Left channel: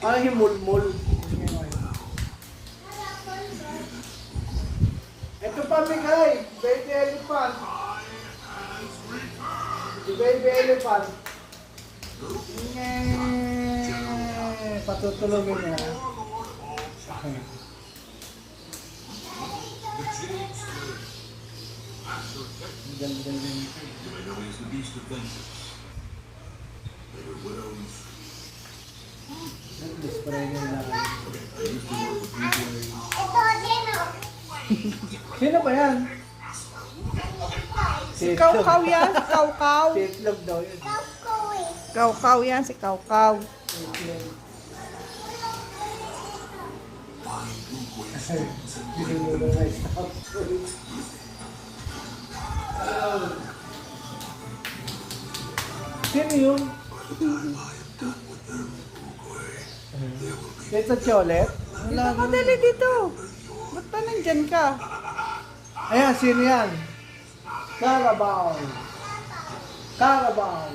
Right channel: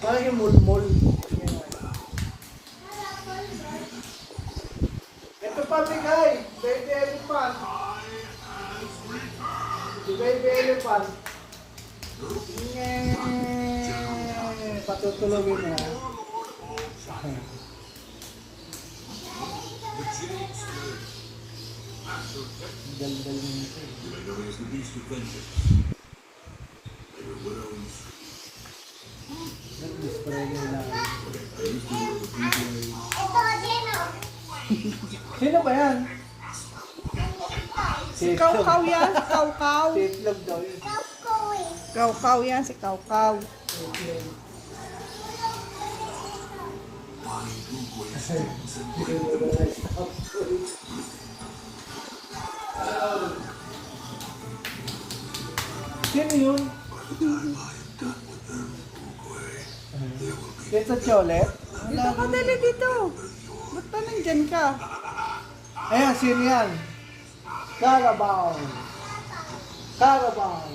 Ano yung mulmul? Ito pa bigay, baby elephant. Si baby elephant. Patutulogin niya. Dal-dal yun ito. Nag-display niya lang. Sino ba yan? Si Kaw-Kaw yan, si Kaw-Kaw. Itlog daw yun. Kaw-Kaw yan, si Kaw-Kaw. Itlog. Sino yun? Dito Cholet? Dito ka, dali dito. Ba't pa nandyan ka? Ayan, sino yan? Carabao. Carabao.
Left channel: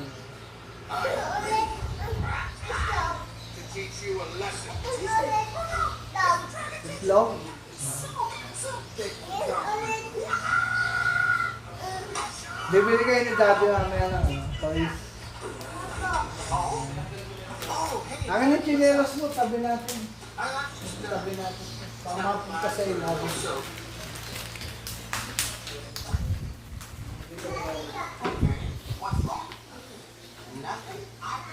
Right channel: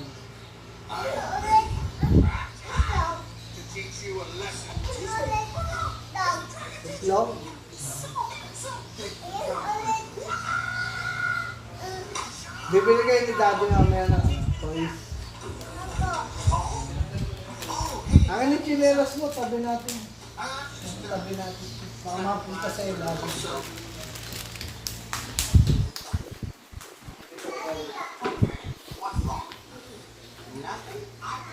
Itlog? Bibili kayo ni Daddy mamaya ng toys. Ang yung chinelas mo, tabi natin. Tabi natin. Baka mapunta sa ilalim.